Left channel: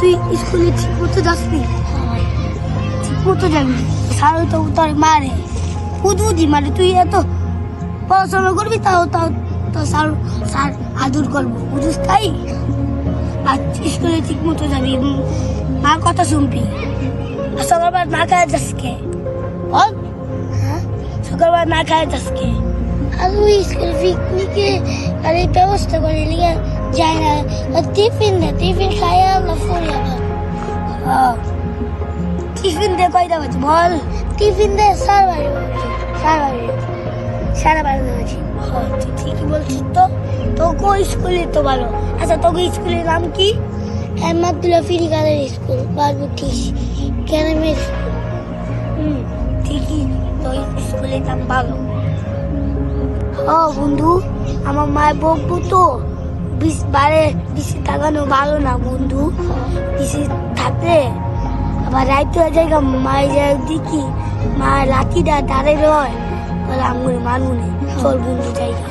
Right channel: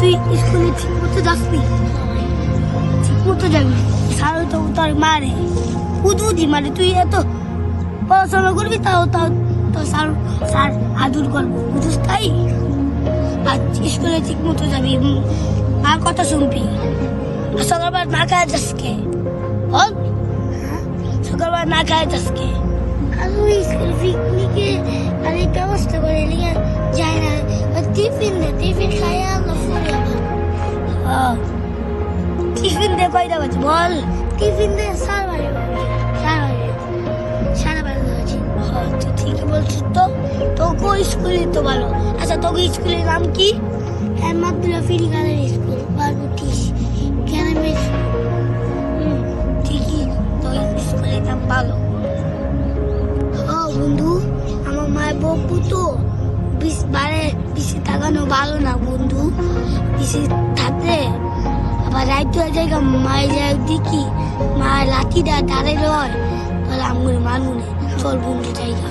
তুই স্কুলে ঠিক মতো যাসনি? ঠিক মতো যাবি, স্যার তো তোর মারে উদি মানে তুই এত পড়াশোনা করবি তাও তাও তো স্যার স্যার আদর করবো, বুঝিস? তাই আর স্কুলে ঠিক মতো যাবি, মার কথা শুনবি। আর সকালবার না খায় যাসকে বল, সকালবার না খায় যাসকে। আর ওই স্কুল পিকনিকে আর এই ব্যবস্থা করে লিখে যায় না, টিফিন খাই আমরা ফুল টিফিন দিয়ে কয়টা বাজে বল? টিফিন দিয়ে সারা বাজে হয়েছে। তুই ঠিকই বলছিস তো, তোকে স্কুলে তো ভালো। আচ্ছা তোকে স্কুলের নাম কি? মাদুল্লাহ ফিরিকালের স্কুল, বারবুটিস গ্রামের স্কুল। ঠিকই, তো স্কুলের নাম ভালো। বন্ধু, আমার মায়ের বকবো তো, বেশি তাকানো ভালো না বন্ধু। বেশি থাকলে আবার রাইতে হয়ে যায়, মায়ের যায় দেখি মায়ের লাঠিটা দাঁড়াই রয়, বলে আমি মানুনে চল বন্ধু জায়গা।